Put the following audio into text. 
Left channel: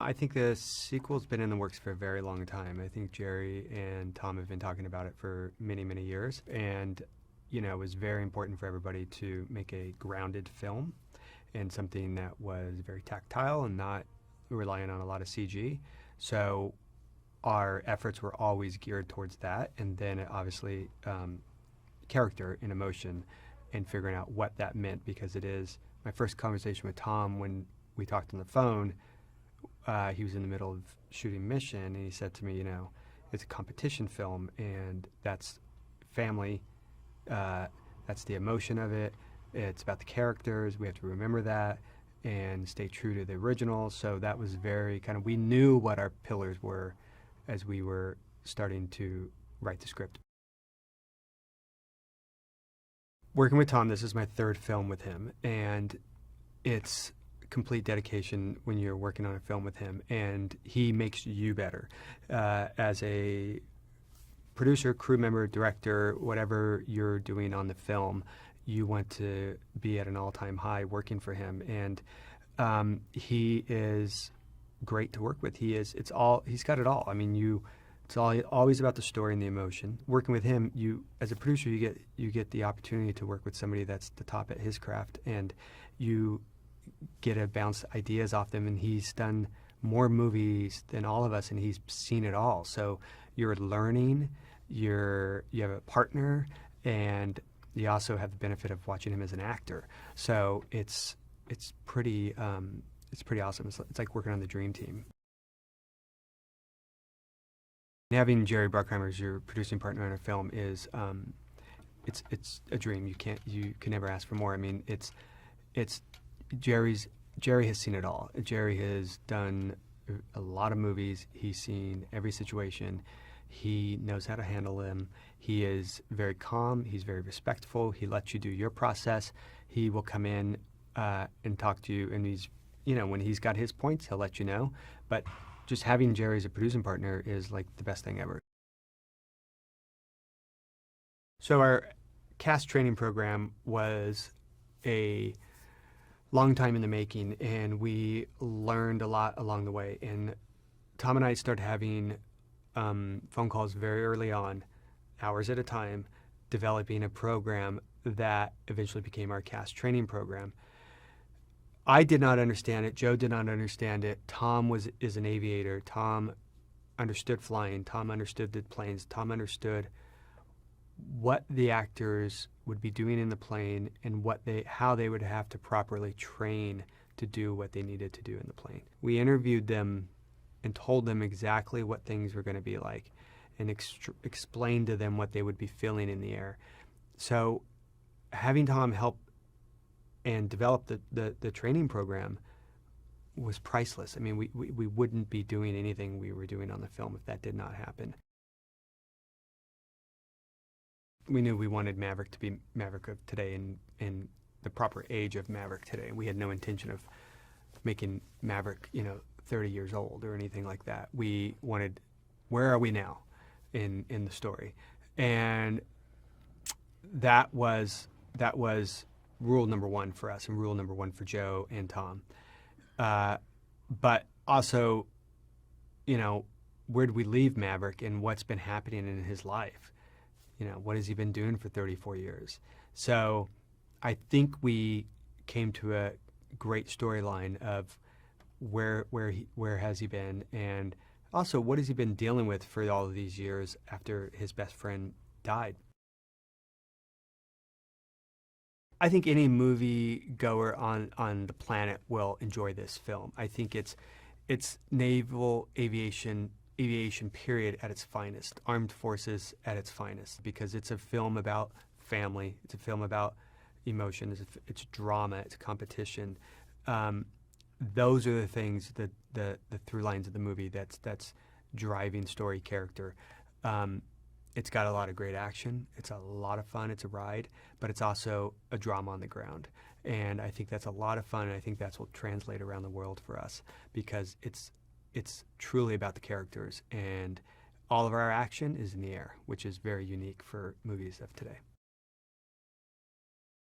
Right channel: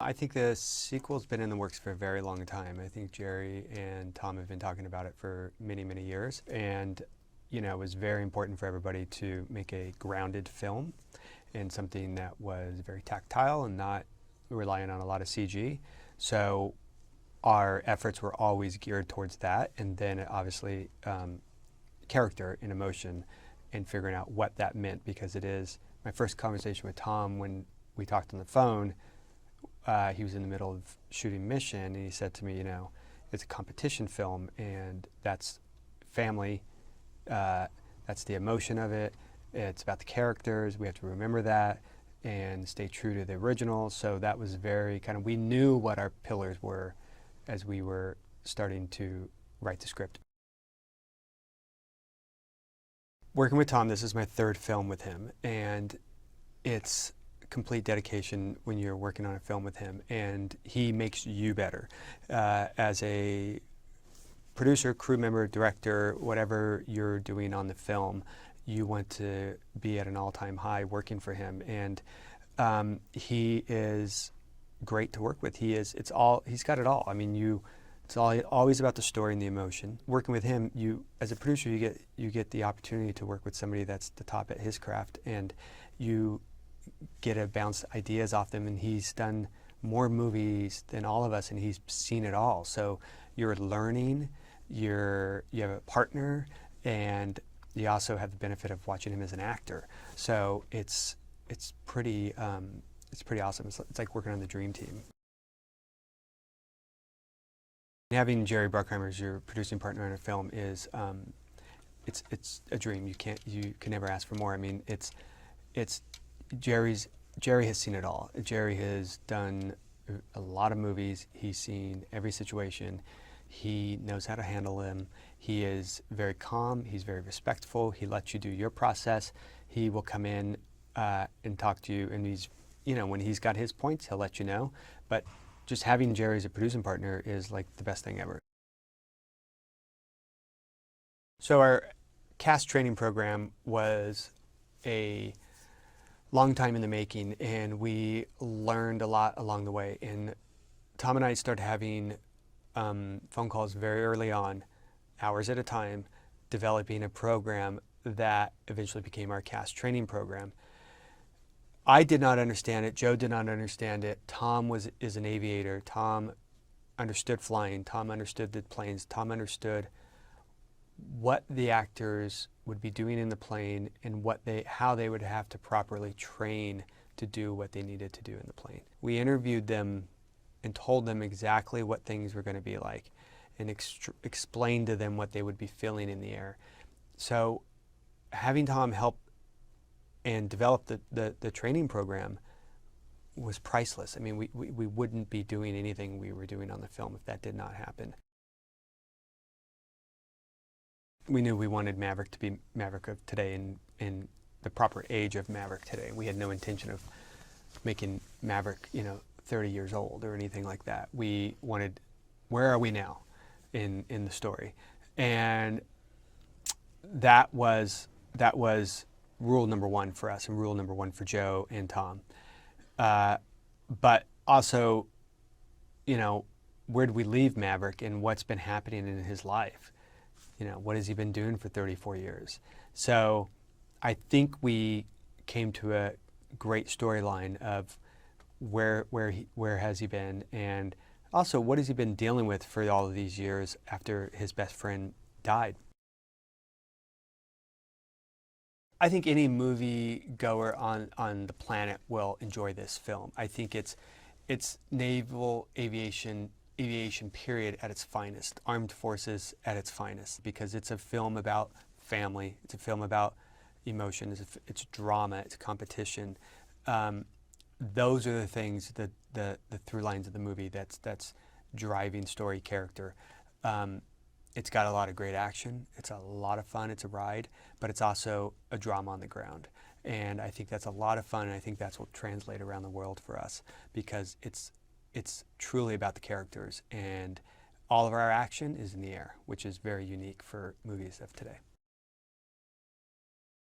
I think the sequel's been in the works for a very long time. I think Jerry and Tom have been talking about it for many, many years. And, it was very important for everybody to make a grounded film and something that was very tactile and not relying on a lot of CG. So our efforts were always geared towards that. And then obviously, character and emotion and figuring out what that meant, because it is my first conversation with Tom when we talked on the phone. He was in the middle of shooting Mission, and he said to me, it's a competition film, and that's family. That's the emotion of it. It's about the characters. We have to remember that and stay true to the original. So that was very kind of, we knew what our pillars were as we were starting to write the script. Working with Tom, this is my third film with him, and it's complete dedication when you're working on a film with him, and he makes you better as a producer, crew member, director, whatever you're doing on the film. You want to be at an all-time high working for him, and he is great to work with. He's got it all. I mean, it's always about the story and the emotion. Working with him, as a producer, you get the opportunity to work with somebody that's the top at his craft, and you get to bounce ideas off them. And he's done more movies than all of us, and he's seen it all. So you're learning. You have a partner, and you also have the benefit of watching him as an actor. So it's pretty awesome. It's like working on the dream team. Having Jerry Bruckheimer as your producing partner on a film is it's a dream. You can never ask for more. I mean, it's Jerry has seen it all. Jerry has done a lot of movies. He's seen every situation. He knows how to handle them. He is very calm. He's very respectful. He lets you do your process. He will come in and talk to you, and when he's got his points, he'll let you know. But just having Jerry as a producing partner is like the best thing ever. So our cast training program was a long time in the making, and we learned a lot along the way. And Tom and I started having phone calls very early on, hours at a time, developing a program that eventually became our cast training program. I did not understand it. Joe did not understand it. Tom is an aviator. Tom understood flying. Tom understood the planes. Tom understood what the actors would be doing in the plane and how they would have to properly train to do what they needed to do in the plane. We interviewed them and told them exactly what things were going to be like, and explained to them what they would be feeling in the air. So having Tom help and develop the training program was priceless. I mean, we wouldn't be doing anything we were doing on the film if that did not happen. We knew we wanted Maverick to be Maverick of today, and the proper age of Maverick today. We had no intention of making Maverick, 30 years old or anything like that. We wanted, where are we now in the story? And that was rule number one for us, and rule number one for Joe and Tom. But also, where did we leave Maverick, and what's been happening in his life? What has he been doing for 34 years? So I think we came to a great storyline of where has he been, and also what has he been dealing with for all of these years after his best friend died. I think any movie goer on the planet will enjoy this film. I think it's naval aviation period at its finest, armed forces at its finest, because it's a film about family. It's a film about emotion. It's drama. It's competition. Those are the things that the through lines of the movie that's driving story, character. It's got a lot of great action. It's a lot of fun. It's a ride, but it's also a drama on the ground. And I think that's a lot of fun. And I think that's what translates around the world for us, because it's truly about the characters, and all of our action is in the air, which is very unique for movies of today.